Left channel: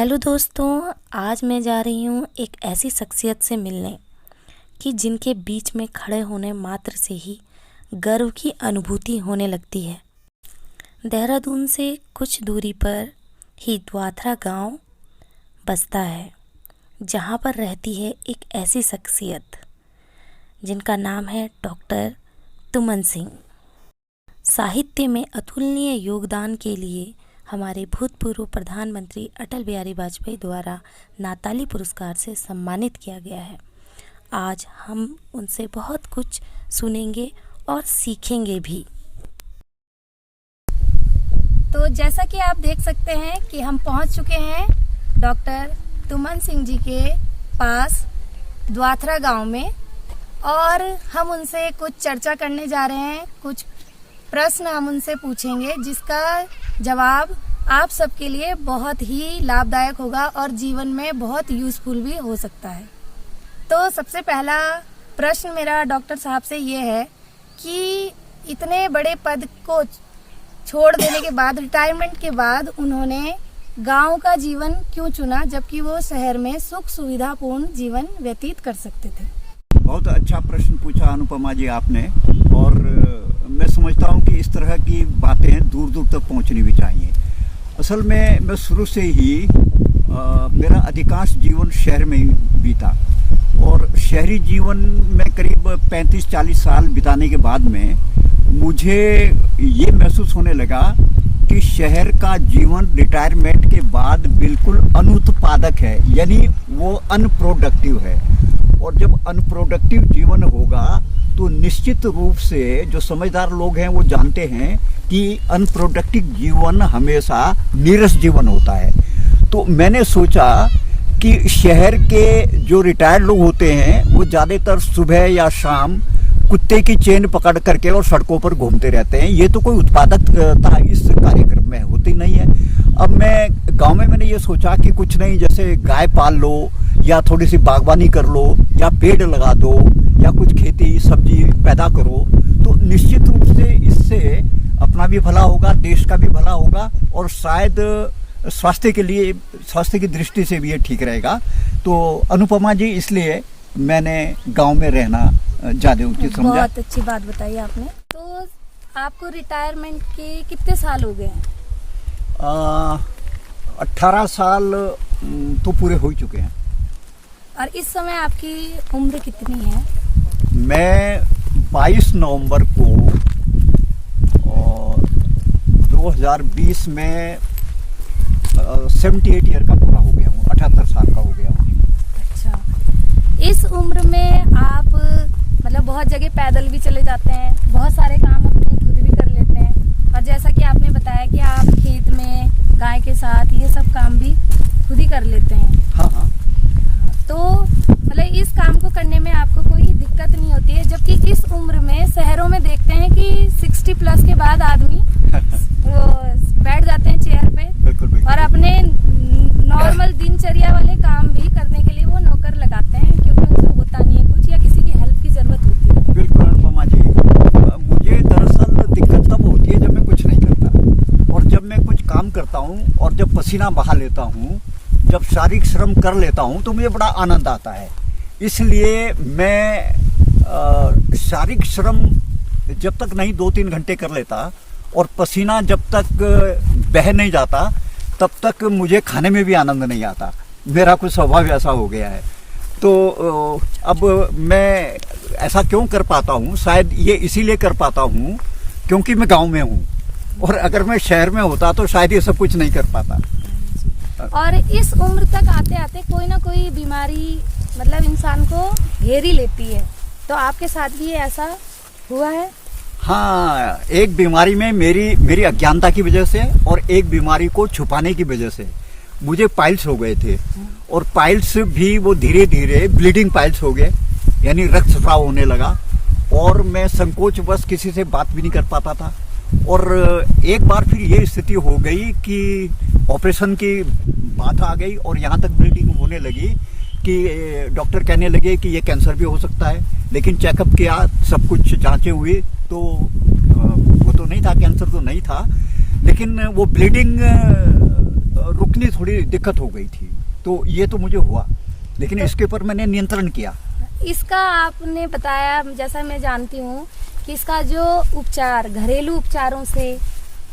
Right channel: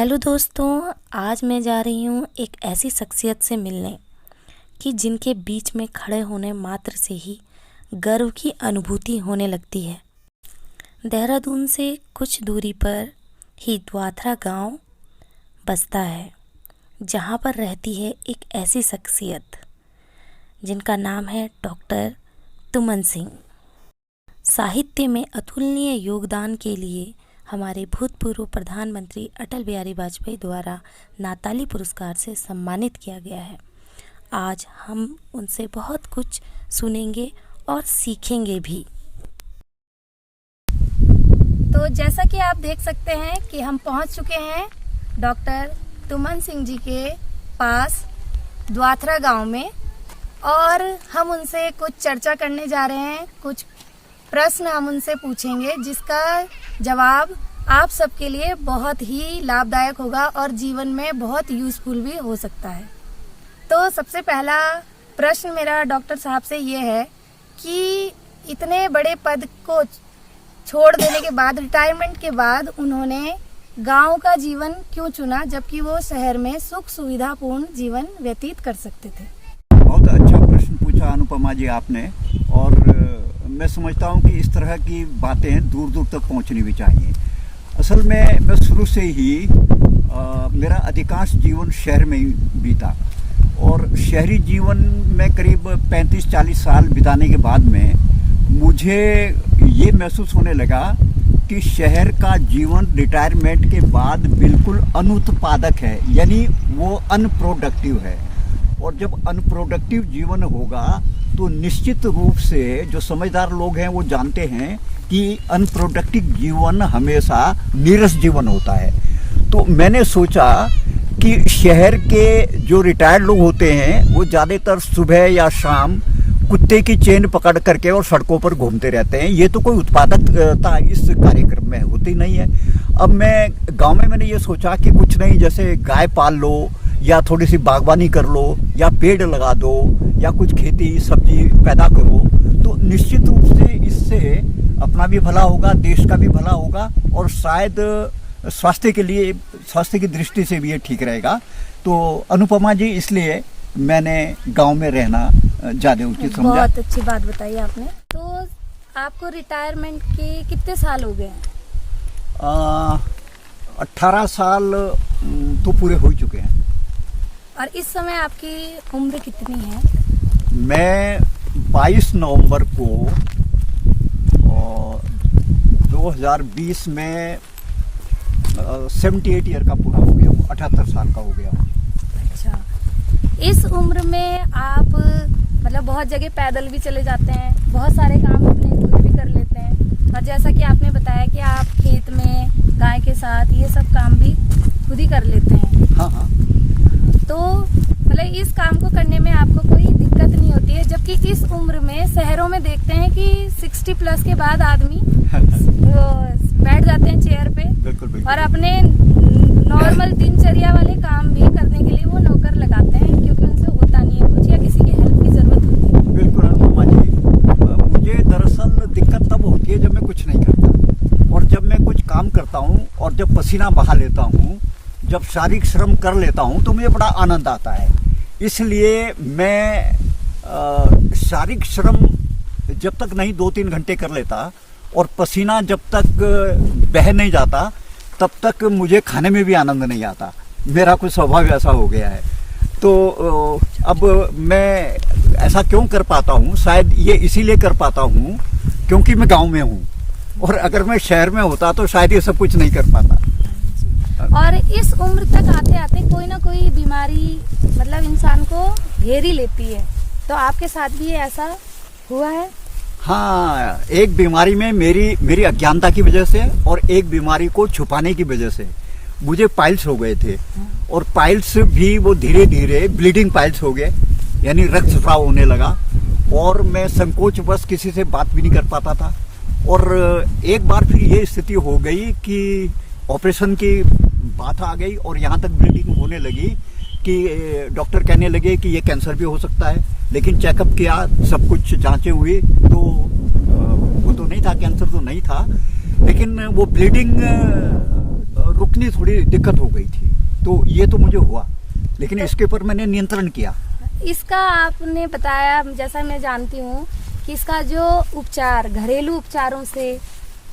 Hello दोस्तों, आज मैं जा रही हूँ एक ऐसी शख्सियत से मिलने कि जिनके बीच में खड़े होने मात्र से ही गर्व की अनुभूति होने लगती है। देहरादून से कुछ दूरी पर ही द्वाथरा गांव बसता है, जहां पर रहती है एक ऐसी शख्सियत जिनका नाम है डॉक्टर तुमन सिंह। साहित्य में अतुलनीय योगदान के लिए हमारे भूतपूर्व प्रधानमंत्री अटल बिहारी वाजपेयी द्वारा नाताली पुरस्कार से सम्मानित किया गया है। आज हम उनसे बहुत कुछ सुनेंगे और सीखेंगे भी। तो जैसा कि आप देख सकते हैं कि हम पहुंच चुके हैं डॉक्टर तुमन सिंह जी के पास द्वाथरा गांव में, और हम उनसे कुछ चर्चा करने जा रहे हैं। कुछ प्रश्न हम उनसे पूछेंगे जिसका जवाब आप सबके लिए बहुत ही लाभदायक होगा और जीवन में बहुत यूजफुल भी हो सकता है। तो सबसे पहला प्रश्न मेरा डॉक्टर साहब से ये है कि इतने बड़े पद को छोड़ देने के बाद, रिटायरमेंट के बाद, उन्होंने गांव का जीवन क्यों चुना, जबकि वो शहर में सुख सुविधापूर्ण जीवन व्यतीत कर सकते थे? बहुत अच्छा प्रश्न पूछा अनुपमा जी आपने, और मैं समझता हूं कि इस तरह की बातें दूर दूर तक पहुंचनी भी चाहिए। असल में मैं शुरू से ही मेरा अधिकांश जीवन शहर में ही बीता, और शहरी जीवन में करीब 35-40 साल बिताने के बाद में मुझे ये महसूस होने लगा कि शहर का जीवन रिटायरमेंट के बाद बिल्कुल अनुत्पादक है, यानी वो अनप्रोडक्टिव है। और जब अनप्रोडक्टिव जीवन होगा तो निश्चित रूप से जो समझदार लोग हैं वो जानते हैं कि अनप्रोडक्टिव जीवन हमेशा नीरस जीवन होता है। तो मैंने सोचा कि शहर के जो रिटायर्ड लोग होते हैं वो ज्यादातर सुबह या शाम कुत्ते की चेन पकड़ करके और सड़कों पर घूमते रहते हैं। ये तो कोई उत्पादकता इस कार्यक्रम में होती नहीं है। अब मैं गांव में मैंने ये सोचा कि कुछ नहीं, जैसे गाय पाल लो या थोड़ी सी बागवानी कर लो या पेड़ लगा दो या कुछ खेती सब्जी पैदा करो, तो निश्चित रूप से इससे अपना भी भला होगा, देश का भी भला होगा, और शायद स्वास्थ्य के लिए, स्वास्थ्य की दृष्टि से भी ये ठीक रहेगा। तो अनुपमा जी, इसलिए मैंने गांव में रहना ज्यादा उचित समझा। बहुत अच्छी बात बताई आपने। तो आपको रिटायरमेंट के कितने साल हो गए हैं? 18 साल तो पूरे हो चुके हैं। और इस समय आपकी उम्र कितनी है? मैं 22 नवंबर को 2020 में 78 ईयर का पूरा हो गया हूँ, 78 साल का हो गया हूँ। अच्छा, इस उम्र में आप मतलब बहुत जगह पैदल भी चले जाते हैं, बहुत सारे काम अपने खुद भी कर लेते हैं, और जैसा कि आपने बताया कि आप खेत में गाय के साथ ये सब काम भी खुद ही कर लेते हैं। हाँ। तो मतलब इस काम को करने में आपको कोई दिक्कत नहीं होती है, जबकि इस उम्र में शहरों में देखते हैं कि 60 प्लस के बाद आदमी वो बैठ जाते हैं चेयर पे। बिल्कुल। और अपने नॉर्मल दिनचर्या वाले काम भी करने के लिए वो नौकर लगाते हैं, क्योंकि उनसे होता नहीं है कुछ, या किसी की हेल्प की जरूरत होती है। बिल्कुल अनुपमा जी, मुझे दरअसल दिक्कत तब होती है जब मैं कुछ नहीं करता, और जब मैं कुछ काम करता हूँ और जब पसीना बहा लेता हूँ, जब शारीरिक श्रम कर लेता हूँ तो मुझे बड़ा आनंद आता है। इसलिए मैं शारीरिक श्रम जब तक नहीं 2-3 घंटे कर लेता, और पसीना जब तक बह नहीं जाता, तब तक मुझे खाने में भी आनंद नहीं आता। मेरा कुछ स्वभाव ऐसा हो गया है। तो अब मैं ऐसा क्यों कर पाता हूँ? शायद ये इसीलिए कर पाता हूँ क्योंकि मैं गांव में हूँ, और अगर मैं शहर में होता तो शायद ये सब कुछ नहीं कर पाता। और इस उम्र तक आते आते कोई ना कोई बीमारी मतलब इंसान को घेर ही लेती है, तो आपके साथ भी ऐसा हुआ है? हाँ, एक बीमारी में मेरी अज्ञानता की वजह से, और एक बीमारी को छुपाने की वजह से मुझे पाइल्स हो गए थे, और पाइल्स भी वो धीरे धीरे ब्लीडिंग पाइल्स हो गए, यानी रक्तस्राव होने लगा, और मैं संकोचवश किसी से बात भी नहीं कर पाता था। और एक बार फिर ये स्थिति हो गई कि ऑपरेशन की बात आ गई, और यहाँ तक ब्लीडिंग होने लगी कि डॉक्टर कहने लगे कि ये कैंसर भी हो सकता है। लेकिन चेकअप किया, सब कुछ जांचें हुई, तो वो तो नहीं था, कैंसर तो नहीं था, लेकिन वो ब्लीडिंग रुकनी थोड़ी दिक्कत हो गई थी, तो ये तो मुझे हुआ, लेकिन इसके ऊपर मैंने नियंत्रण किया। इसका आपने बताया, जैसा मैं जानती हूँ कि इसका जो उपचार घरेलू उपचारों से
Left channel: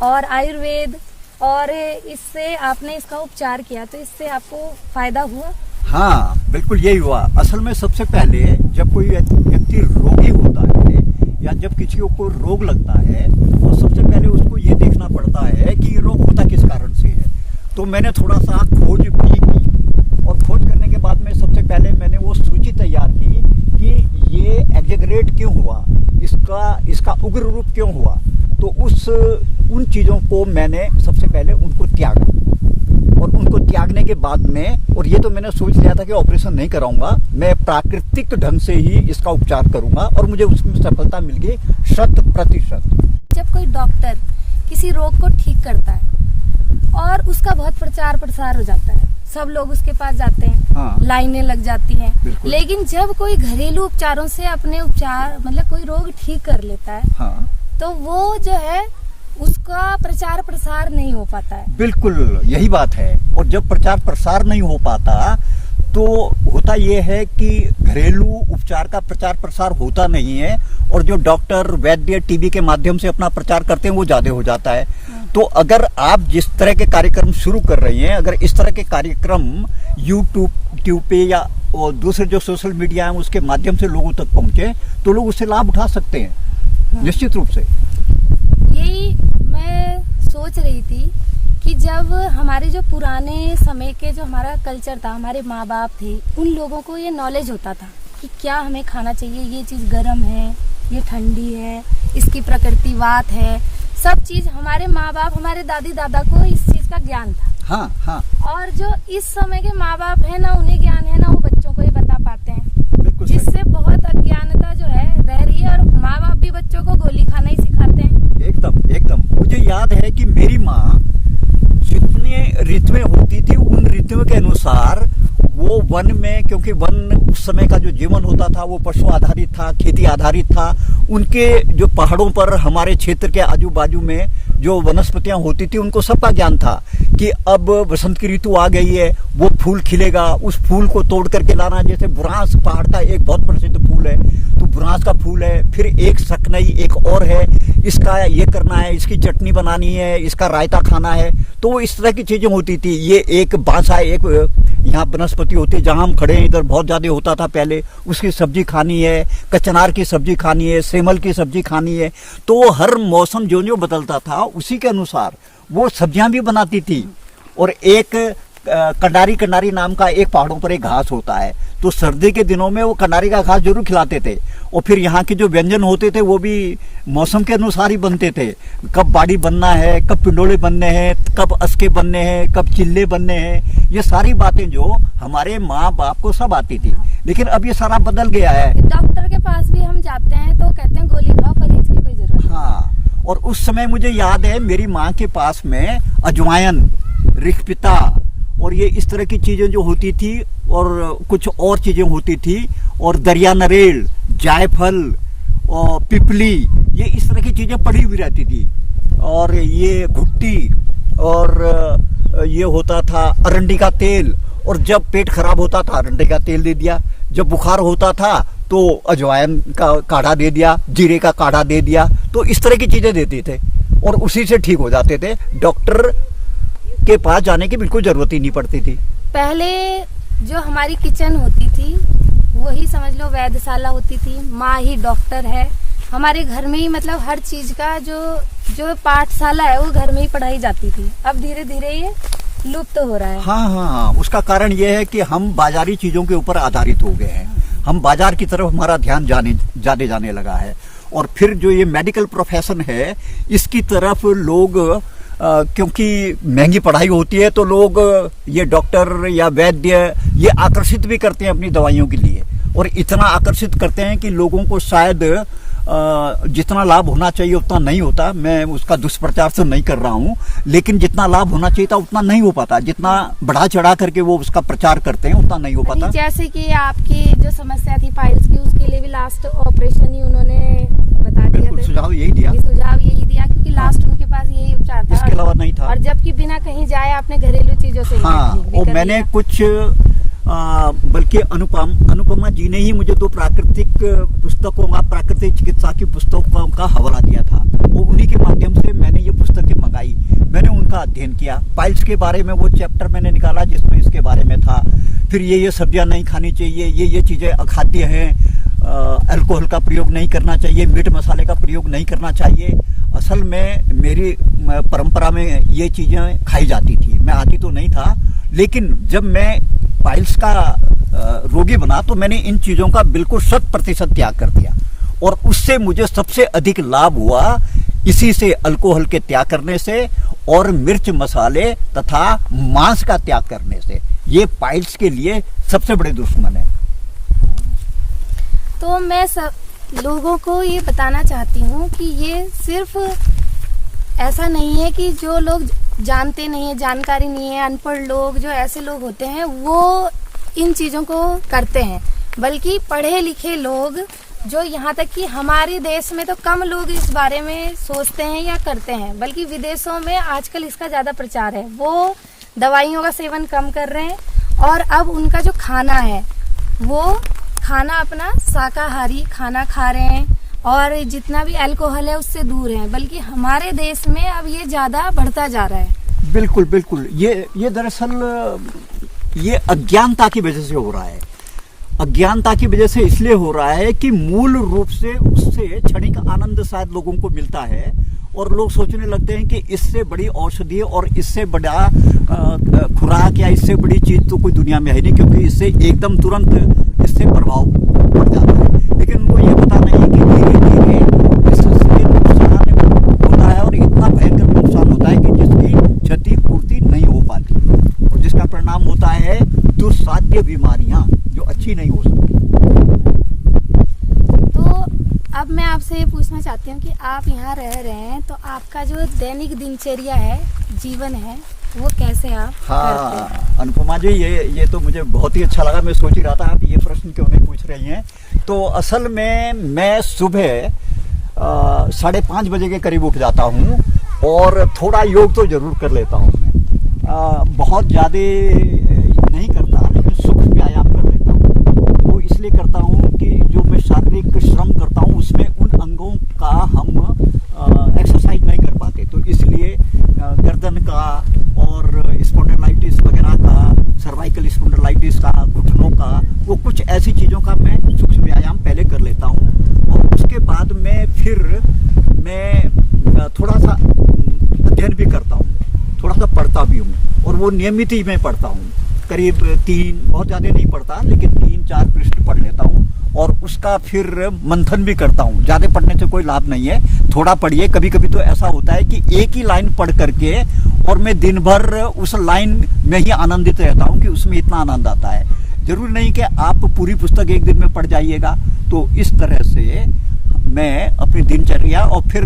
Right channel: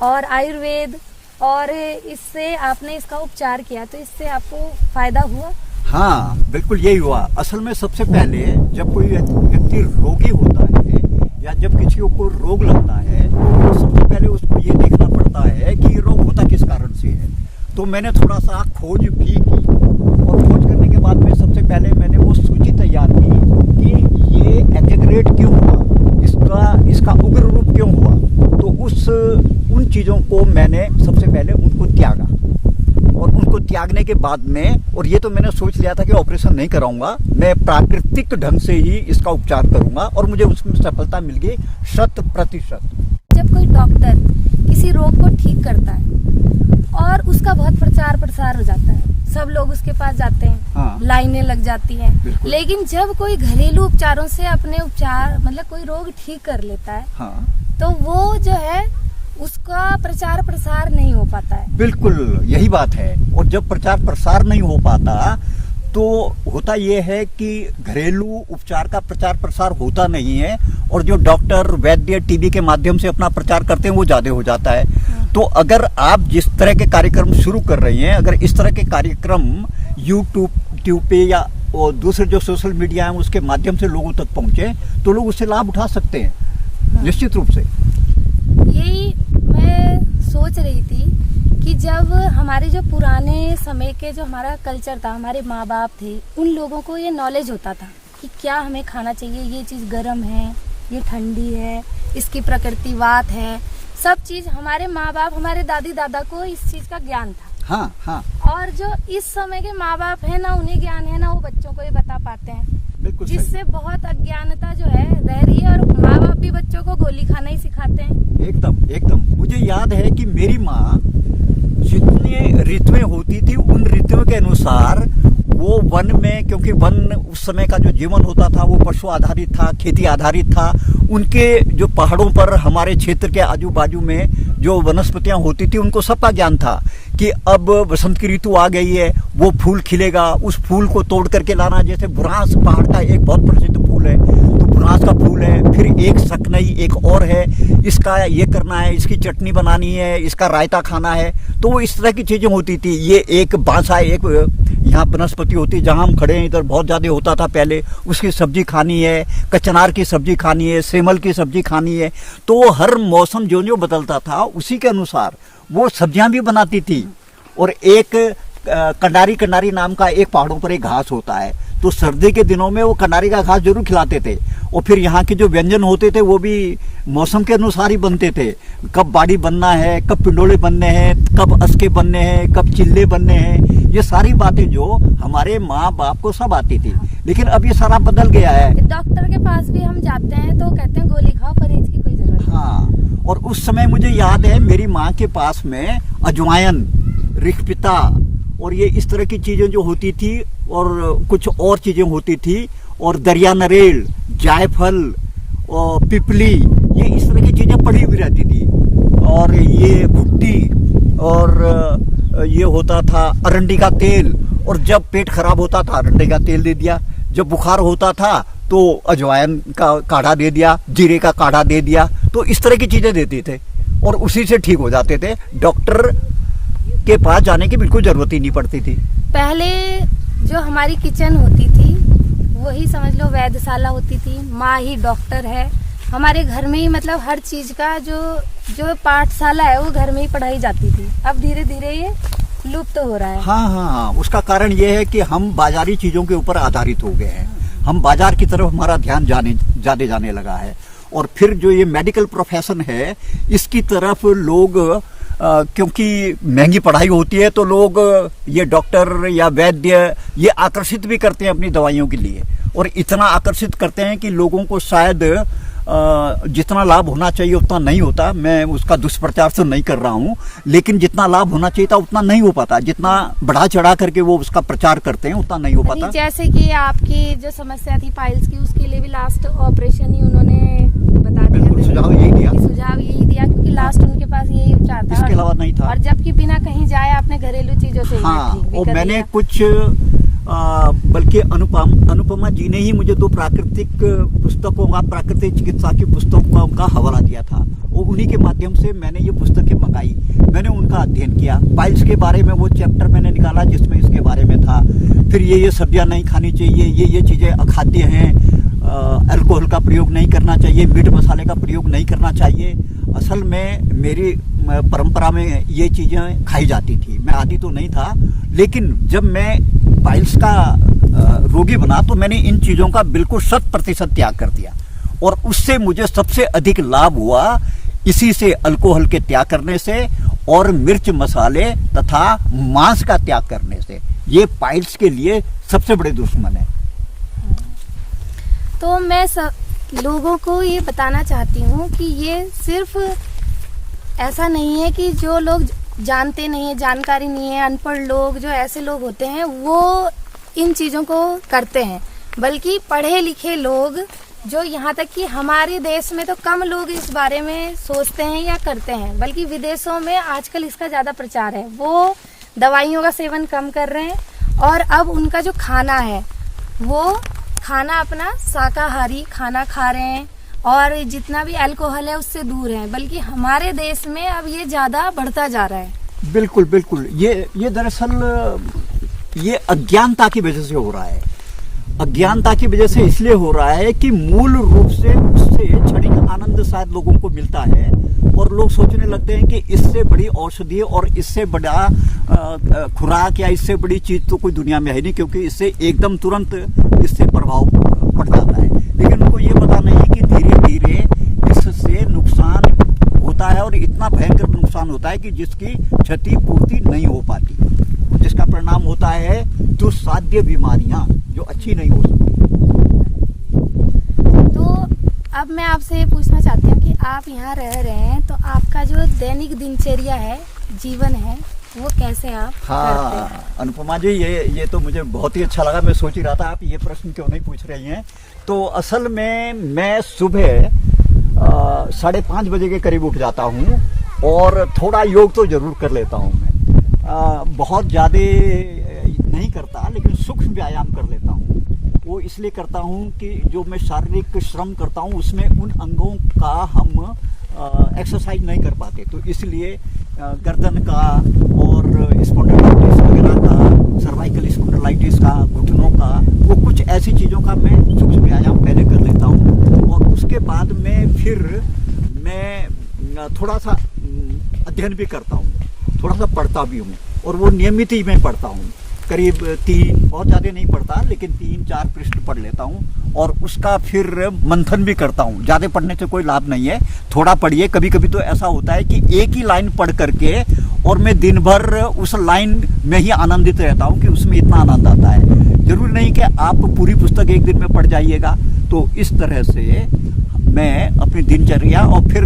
और आयुर्वेद और इससे आपने इसका उपचार किया, तो इससे आपको फायदा हुआ? हाँ, बिल्कुल यही हुआ। असल में सबसे पहले जब कोई व्यक्ति रोगी होता है या जब किसी को रोग लगता है तो सबसे पहले उसको ये देखना पड़ता है कि ये रोग होता किस कारण से है। तो मैंने थोड़ा सा खोज भी की और खोज करने के बाद में सबसे पहले मैंने वो सूची तैयार की कि ये एक्जेगरेट क्यों हुआ, इसका उग्र रूप क्यों हुआ। तो उन चीज़ों को मैंने सबसे पहले उनको त्यागा और उनको त्यागने के बाद में, और ये तो मैंने सोच लिया था कि ऑपरेशन नहीं कराऊंगा, मैं प्राकृतिक ढंग से ही इसका उपचार करूंगा और मुझे उसमें सफलता मिल गई 100%। जब कोई डॉक्टर किसी रोग को ठीक करता है और उसका बहुत प्रचार प्रसार हो जाता है, सब लोग उसके पास जाते हैं, हाँ, लाइनें लग जाती हैं, लेकिन जब कोई घरेलू उपचारों से अपने उपचार मतलब कोई रोग ठीक कर लेता है, हाँ, तो वो जो है उसका प्रचार प्रसार नहीं हो पाता है। बिल्कुल यही बात है। और जब प्रचार प्रसार नहीं हो पाता तो होता ये है कि घरेलू उपचार का प्रचार प्रसार होता नहीं है और जो डॉक्टर वैद्य टीवी के माध्यम से अपना प्रचार करते हैं वो ज्यादा हो जाता है। तो अगर आप जिस तरह के कार्यक्रम शुरू कर रही हैं, अगर इस तरह के कार्यक्रम यूट्यूब पे या और दूसरे जो सोशल मीडिया है उसके माध्यम से लोगों तक पहुंचे तो लोग उससे लाभ उठा सकते हैं, निश्चित रूप से। यही मैं सोच रही थी कि जब हमारे जो पुराने समय के जो हमारा कल्चर था, हमारे माँ बाप थे, उन लोगों को ये नॉलेज होता था कि क्या हमें खाना चाहिए, ये चीज गर्म है, ये ठंडी है, इसकी प्रकृति वात है, सब चीज हमारे माँ बाप, हमारे दादी दादा को इस चीज का ज्ञान था। हाँ, हाँ। और जो इस समय के माँ बाप है ना, उन्हें ज्ञान है ना, वो बच्चों को ये बता पाते हैं, जिससे बहुत अज्ञानता जो है रह रही है और माँ बाप भी बच्चों को गोली खाना ही सिखाते हैं। एकदम। मुझे याद है कि मेरी माँ जितने ऋतुएं होती थी उन ऋतुओं के अनुसार वो वन में, क्योंकि वन उस समय का जो जीवन होता था वो पशु आधारित था, खेती आधारित था, उनके जो पहाड़ों पर हमारे क्षेत्र के आजू बाजू में जो वनस्पतियां होती थी उनको सबका ज्ञान था कि अब बसंत की ऋतु आ गई है, वो फूल खिलेगा, उस फूल को तोड़ करके लाना। जैसे बुरांस पहाड़ का एक बहुत प्रसिद्ध फूल है, तो बुरांस का फूल है, फिर एक सकनई एक और है, इसका ये करना है, इसकी चटनी बनानी है, इसका रायता खाना है। तो इस तरह की चीजें होती थी। ये एक बांसा, एक यहाँ वनस्पति होती है जहां हम खड़े हैं, इधर बहुत ज्यादा होता था पहले, उसकी सब्जी खानी है, कचनार की सब्जी खानी है, सेमल की सब्जी खानी है। तो हर मौसम जो बदलता था उसी के अनुसार वो सब्जियां भी बनाती थी। और एक कंडारी नाम का एक पहाड़ों पर एक घास होता है, तो सर्दी के दिनों में वो कंडारी का घास जरूर खिलाते थे। और फिर यहाँ के जो व्यंजन होते थे वो भी मौसम के अनुसार ही बनते थे, कब बाड़ी बनना है, कब पिंडोले बनने हैं, कब अस्के बनने हैं, कब चिल्ले बनने हैं, ये सारी बातें जो हमारे माँ बाप को सब आती थी। लेकिन अब ये सारा बदल गया है। डॉक्टर के पास भी हम जाते हैं तो कहते हैं गोली खाओ, परहेज की कोई जरूरत नहीं। हाँ, और उस समय मुझे याद है मेरी माँ के पास में अजवायन, रिखपिता और ये इस तरह की चीजें जो होती थी और कुछ और चीजें होती थी, और दरिया नरेल, जायफल और पिपली, ये इस तरह की चीजें पड़ी हुई रहती थी। और ये भुट्टी और ये होता था अरंडी का तेल, और जब पेट खराब होता था अरंडी का तेल दे दिया, जब बुखार होता था तो अजवायन का काढ़ा दे दिया, जीरे का काढ़ा दे दिया। तो इस तरह की चीजें देते थे और उसी से ठीक हो जाते थे। डॉक्टर के पास जाने की बिल्कुल जरूरत ही नहीं पड़ती थी। पहले जो हमारी किचन होती थी वही समझ लो वैद्यशाला होती थी, माँ ही डॉक्टर है। हमारे घर में ही मतलब हर चीज का जो पाठशाला है वो घर में ही पढ़ाई जाती थी। अब धीरे धीरे ये लुप्त हो रहा है। हाँ, उसका कारण ये है कि हम बाजारी चीजों के ऊपर आधारित हो गए हैं। हम बाजार की तरफ हमारा ध्यान ज्यादा जाने लगा है। और फिर जो ये मेडिकल प्रोफेशन है इसकी तरफ लोग क्योंकि महंगी पढ़ाई होती है तो लोग ये डॉक्टर या वैद्य ये आकर्षित भी करते हैं अपनी दवाइयों के लिए, और इतना आकर्षित करते हैं कि लोगों को शायद जितना लाभ होना चाहिए उतना नहीं होता। मैं उसका दुष्प्रचार तो नहीं कर रहा हूँ, लेकिन जितना लाभ होना चाहिए था उतना नहीं हो पाता। जितना बढ़ा चढ़ा करके वो उसका प्रचार करते हैं उतना नहीं हो पाता। जैसे कि आपकी जो समस्या थी पाइल्स की, उसके लिए भी लास्ट ऑपरेशन ही उन्होंने बता दिया। बिल्कुल सुझाव यही दिया क्योंकि लास्ट उनके पास यही उपचार था, इसके अलावा नहीं था। और जबकि बिना कहीं जाए आपने घरेलू चीजों से और मैंने कुछ बल्कि अनुपमा जी ने ही मुझे 2 प्राकृतिक पुस्तकों का, प्राकृतिक चिकित्सा की पुस्तकों का हवाला दिया था, और उन्हीं के माध्यम से मैंने ये पुस्तकें मंगाई। मैंने उनका अध्ययन किया। पाइल्स के बारे में वो चैप्टर मैंने निकाला जिसमें इसके बारे में था। फिर ये सब्जियां नहीं खानी चाहिए, ये चीजें अखाद्य हैं, अल्कोहल का प्रयोग नहीं करना चाहिए, मीट मसाले का प्रयोग नहीं करना चाहिए। असल में मेरी परंपरा में ये चीजें खाई जाती थी, मैं आदी तो नहीं था, लेकिन जब मैं पाइल्स का रोगी बना तो मैंने इन चीजों का बिल्कुल 100% त्याग कर दिया, और उससे मुझे सबसे अधिक लाभ हुआ इसी से, अल्कोहल के त्याग करने से और मिर्च मसाले तथा मांस का त्याग करने से। ये पाइल्स के लिए सबसे बड़े दुश्मन है। तो मैं सब लोगों को ये बताना चाहती हूँ कि ये सिर्फ ऐसा नहीं है कि जो लोग जानते नहीं है, जानकारी नहीं है, अनपढ़ लोग, जो ऐसे लोग होते हैं वो इन चीजों को करते हैं, बल्कि पढ़े लिखे लोग, जो यहाँ तक कि हमारे देश में तो कम लोग इस बारे में सोचते हैं या करते हैं, बल्कि विदेशों में आजकल इसका ज्यादा प्रचार है। वो दवाइयों का सेवन कम कर रहे हैं, और अब उनका जो खाना है वो खाना अपना शाकाहारी खाना खा रहे हैं, और जितना भी अल्कोहल है उससे दूर है। बल्कि हमारे देश में अब ये ज्यादा बढ़ता जा रहा है। बिल्कुल बिल्कुल, ये दरअसल ये अज्ञानता की वजह से हो रहा है। अज्ञानता की वजह से इसलिए हो रहा है कि मूल रूप से उससे क्षणिक आनंद शायद लोगों को मिलता है, और लोग सोचने लगते हैं कि इससे बड़ी औषधि और इससे बड़ा खुराक या इससे बड़ी चीज तो कोई दुनिया में है नहीं, क्योंकि इससे एकदम तुरंत इससे प्रभाव पड़ जाता है। लेकिन उनको ये पता नहीं कि धीरे धीरे इससे नुकसान होता है, और इतना भयंकर नुकसान होता है कि जिसकी क्षतिपूर्ति नहीं हो पाती, और जिसका परिणाम होता है दुस्साध्य बीमारियां जो अच्छी नहीं हो सकती। तो अब मैं आपसे ये पूछना चाहती हूँ कि आप यहाँ रह रहे हैं, तो आपका जो दैनिक दिनचर्या है, जीवन है, वो कैसे आप करते हैं? अनुपमा जी, ये तो मुझे बहुत ही अच्छा लगा। मैं सोच ही रहा था आप ये प्रश्न क्यों नहीं पूछ रही हैं। तो असल में मैं सुबह 5:30 बजे के करीब उठ जाता हूँ, और थोड़ा योग तो जरूर कर लेता हूँ। मैं बहुत ज्यादा नहीं करता, लेकिन सूक्ष्म व्यायाम कर लेता हूँ। वो इसलिए करता हूँ कि जो मैं शारीरिक श्रम करता हूँ उसमें उन अंगों का हम एक्सरसाइज नहीं कर पाते, तो इसलिए गर्दन का और स्पॉन्डिलाइटिस वगैरह का, सर्वाइकल स्पॉन्डिलाइटिस का, घुटनों का, वो कुछ ऐसी चीज़ों का मैं सूक्ष्म व्यायाम पहले कर लेता हूँ। और उसके बाद में फिर मैं थोड़ा सा अध्ययन भी करता हूँ, थोड़ा सा पढ़ता भी हूँ, और वो नियमित ही मैं पढ़ता हूँ। करीब 3, बहुत ज़्यादा नहीं पढ़ता, लेकिन 3-4 पृष्ठ पढ़ लेता हूँ, और उसका फिर मंथन भी करता हूँ। ज़्यादा पढ़ने से कोई लाभ नहीं है, थोड़ा पढ़िए। कभी कभी तो ऐसा होता है कि एक ही लाइन पढ़ करके और मैं दिन भर उस लाइन में ही आनंदित रहता हूँ कि उसमें इतना आनंद आता है। जरूरी नहीं कि आप पूरी पुस्तक एक दिन में पढ़ जाइएगा। तो इस तरह से मैं अपनी दिनचर्या, और फिर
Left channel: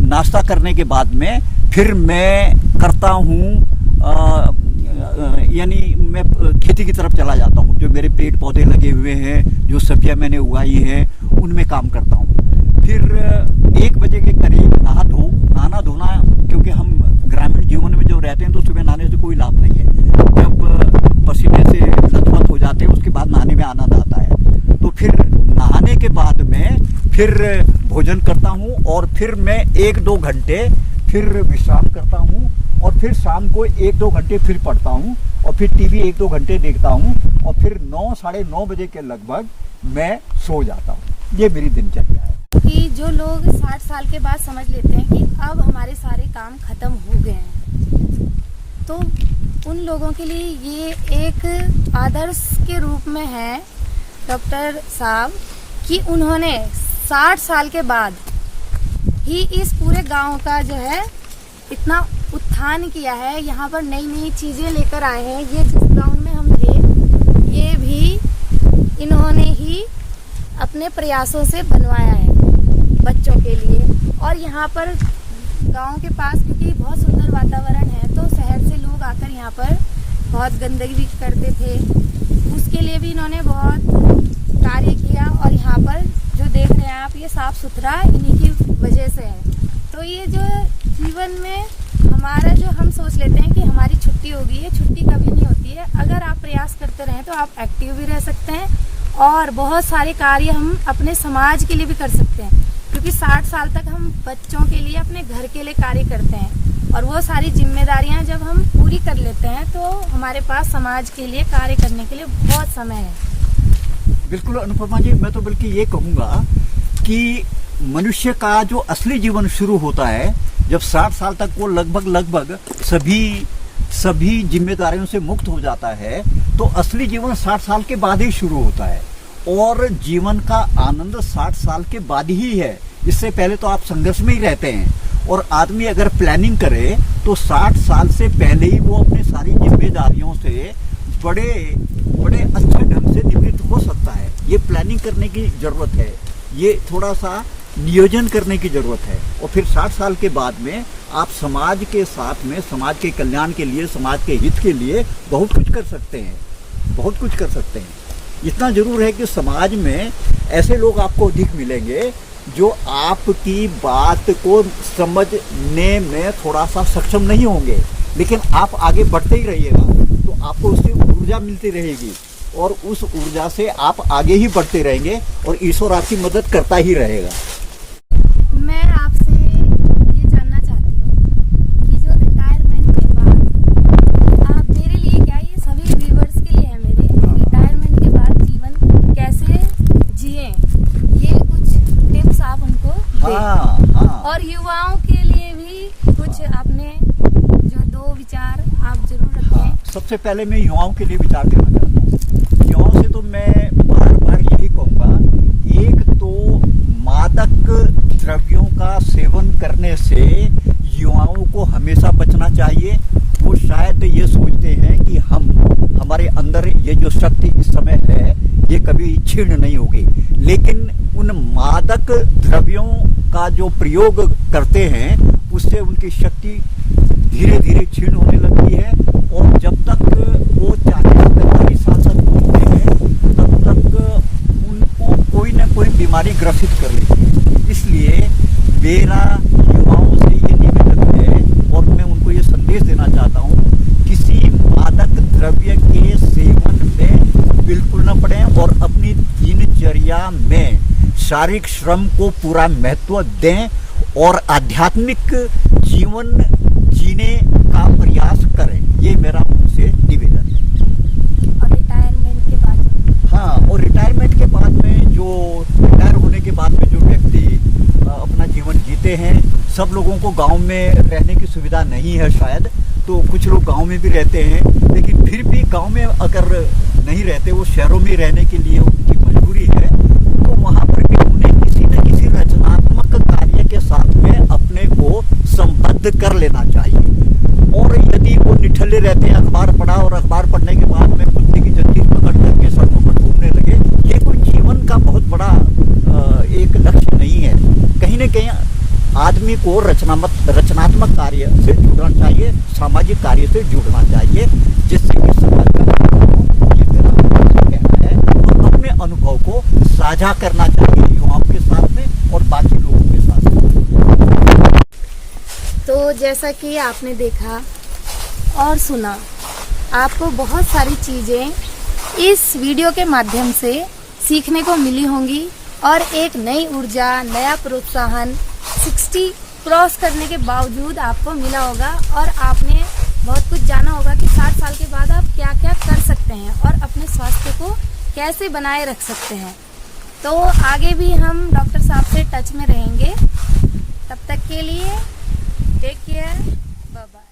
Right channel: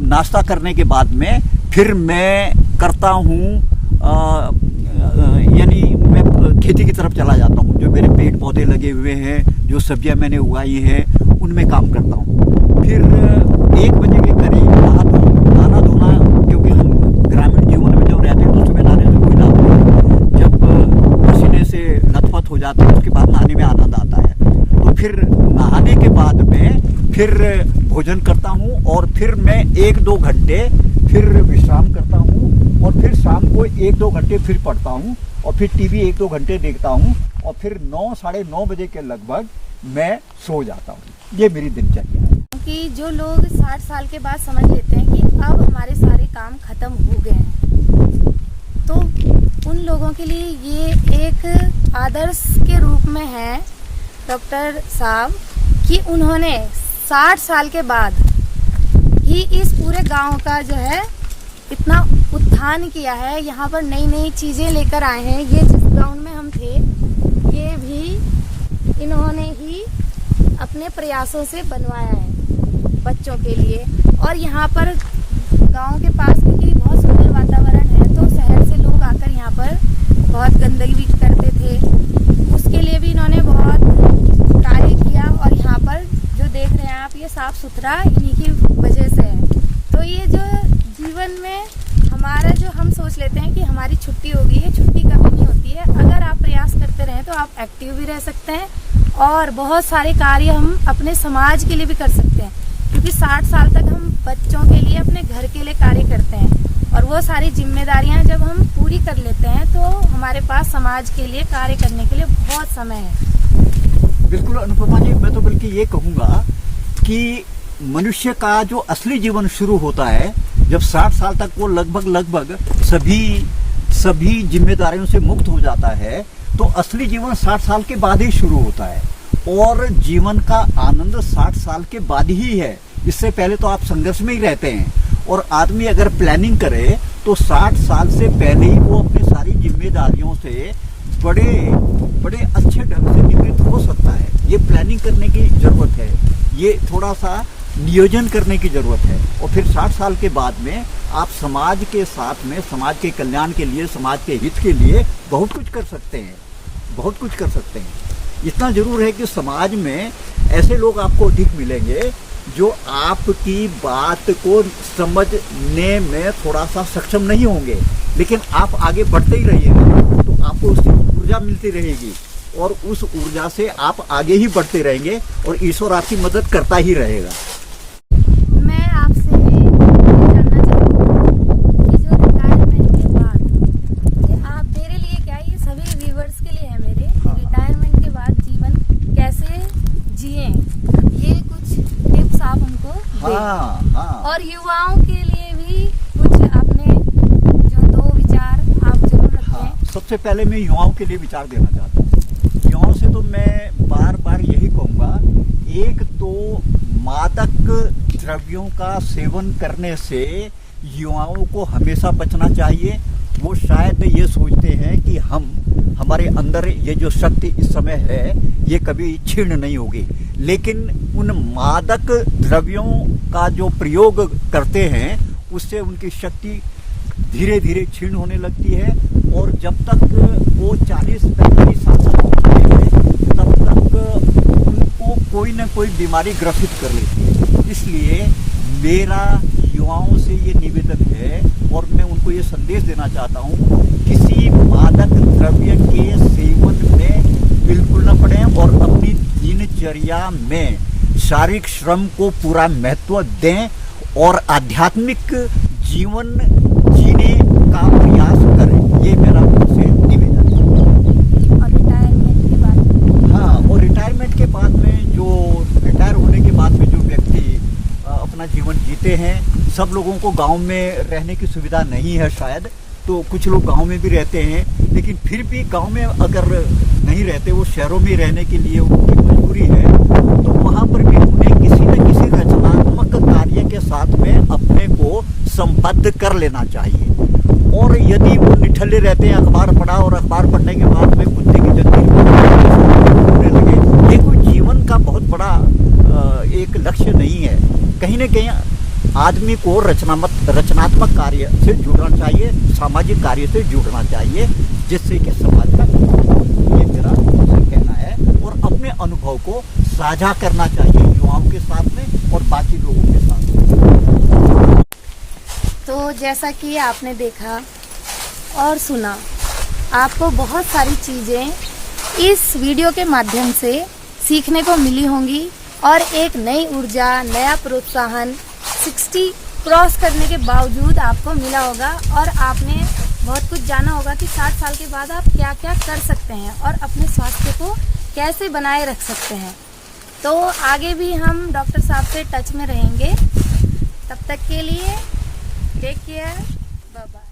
नाश्ता करने के बाद में फिर मैं करता हूँ, यानी मैं खेती की तरफ चला जाता हूँ। जो मेरे पेड़ पौधे लगे हुए हैं, जो सब्जियां मैंने उगाई है, उनमें काम करता हूँ। फिर 1 बजे के करीब नहाना धोना, क्योंकि हम ग्रामीण जीवन में जो रहते हैं तो सुबह नहाने से कोई लाभ नहीं है। जब पसीने से लथपथ हो जाते हैं उसके बाद नहाने में आनंद आता है। तो फिर नहाने के बाद में फिर भोजन करता हूँ, और फिर मैं 1-2 घंटे फिर विश्राम करता हूँ, और फिर शाम को 1-2 घंटे फिर पढ़ता हूँ, और फिर टीवी 1-2 घंटे देखता हूँ, और फिर 9-9:30 बजे के लगभग मैं सो जाता हूँ। ये मेरी दिनचर्या है। कि जो लोग 60 साल के बाद समझ लेते हैं कि अब हमारे सारे काम खत्म हो गए हैं, तो उन लोगों के लिए ये एक आदर्श के रूप में है डॉक्टर साहब, कि उन्होंने 60 साल के बाद ही इस पूरे गांव का जो है इतना उत्थान किया है। यहाँ पर नई नई चीजें लेकर आए हैं। ये जिस गांव में हम थे, ये भी इन्होंने ही अपने प्रयासों से बनवाया है। बच्चों के लिए। और यहाँ पर गांव के पास क्योंकि बहुत सुंदर वातावरण है, तो शहर से लोग आकर यहाँ पर बहुत गंदगी भी करते थे, उसके लिए भी इन्होंने बहुत कार्य किया। और यहाँ पर जो देख रहे हैं आप, ये साफ सुथरा इन्हीं की वजह से है। तो ये जो जीवन में हमारा जो हम सोच लेते हैं कि हमारी छुट्टी होगी, ये छुट्टी कभी नहीं होती है। अगर आप प्रयास करते रहें तो आप एक्टिव भी रह सकते हैं और बहुत सारे कार्य हम अपने समाज के लिए भी कर सकते हैं, क्योंकि 60 साल तक हम बच्चों के लिए, अपने घर के लिए कार्य करते हैं। और वो सारी जिम्मेदारियां जब हम पूरी कर लेते हैं तो हमारे पास समाज के लिए कार्य करने के लिए बहुत समय है। बिल्कुल अनुपमा जी, मैं तो बल्कि ये कहूंगा कि मनुष्य का जो असली जीवन शुरू होता है जब 60 साल तक वो लगभग सभी जिम्मेदारियों से मुक्त हो जाता है, तो असली जीवन 60 साल के बाद ही शुरू होता है। और जीवन का आनंद 60 साल के बाद ही है। इससे पहले तो आप संघर्ष में ही रहते हैं। और आदमी अगर प्लानिंग करे तो 60 साल से पहले ही वो अपनी सारी जिम्मेदारियों से बड़े अच्छे ढंग से निवृत्त हो सकता है। ये प्लानिंग करने की जरूरत है, ये थोड़ा सा नियोजन करने की जरूरत है। और फिर 60 साल के बाद में आप समाज के साथ में, समाज के कल्याण के लिए, समाज के हित के लिए बहुत कुछ कर सकते हैं, बहुत कुछ कर सकते हैं। इतना जरूर है कि समाज में ऐसे लोग आपको अधिक मिलेंगे जो आपकी बात को समझने में थोड़ा सा सक्षम नहीं होंगे, लेकिन आप आगे बढ़ते ही रहिएगा तो आपको उससे ऊर्जा मिलती रहेगी और उस ऊर्जा से आप आगे ही बढ़ते रहेंगे और ईश्वर आपकी मदद करता ही रहेगा। मैं आपसे ये जानना चाहूँगी कि जो रिटायरमेंट के बाद आप, मेरे लिए क्या, ये सभी व्यूअर्स के लिए है मेरे, रिटायरमेंट के बाद जीवन कैसे जिए, ये कुछ टिप्स आप उनको दें। और युवाओं के लिए भी कुछ अपने जो 2 विचार आप जरूर रखें। सबसे पहले मैं युवाओं के लिए विचार देना चाहता हूँ। युवाओं से तो मैं बार यही कहूँगा, एक तो मादक द्रव्यों का सेवन करने से युवाओं को हमेशा बचना चाहिए। वो शायद ये सोचते हैं कि हमारे अंदर ये जो शक्ति इस समय है ये कभी क्षीण नहीं होगी, लेकिन उन मादक द्रव्यों का जो प्रयोग करते हैं उससे उनकी शक्ति धीरे धीरे क्षीण होने लगती है। और जब तक वो 40-45 साल तक होते हैं तब तक उनको कोई न कोई बीमारी ग्रसित कर लेती है। इसलिए मेरा युवाओं से ये निवेदन है और मैं उनको ये संदेश देना चाहता हूँ, किसी मादक द्रव्य के सेवन में बिल्कुल न पड़े और अपनी दिनचर्या में शारीरिक श्रम को पूरा महत्व दें और आध्यात्मिक जीवन जीने का प्रयास करें। ये मेरा उनसे निवेदन है। और रिटायरमेंट के बाद, हाँ, और रिटायरमेंट के बाद में जो रिटायर होने के बाद में जो व्यक्ति अपना जीवन जीते हैं, सब लोगों को गांव में रहने की सुविधा नहीं है शायद, तो कुछ लोग गांव में भी रहते हैं, लेकिन फिर भी गांव में अगर नहीं रहते, वो शहरों में रहने के लिए उनकी मजबूरी है, तो वहां पर भी उन्हें किसी न किसी रचनात्मक कार्य के साथ में अपने को संबद्ध कर लेना चाहिए। और यदि वो निठल्ले रहते हैं, अखबार पढ़ा और अखबार पढ़ने के बाद में कुत्ते की जंजीर होने लगे, ये कोई जीवन का बहुत बड़ा एक लक्ष्य नहीं है। कहीं न कहीं आदमी को रचनात्मक कार्य से जुड़ना चाहिए, सामाजिक कार्य से जुड़ना चाहिए, जिससे कि समाज का ये मेरा कहना है। और अपने अनुभव को साझा करना चाहिए युवाओं के साथ में और बाकी लोगों के साथ में। तो जैसा कि आपने देखा और सुना, आपको बहुत सारी चीजें इस वीडियो के माध्यम से सीखने को मिली होंगी और एक नई ऊर्जा, नया प्रोत्साहन 60 क्रॉस करने के बावजूद आपको मिला होगा और आपने बहुत कुछ जाना होगा कि 60 साल के बाद आप क्या क्या कर सकते हैं और अपने स्वास्थ्य को कैसे बनाए रख सकते हैं। तो आगे भी हम डॉक्टर साहब से टच में रहेंगे। तब तक के लिए टेक केयर, बाय बाय।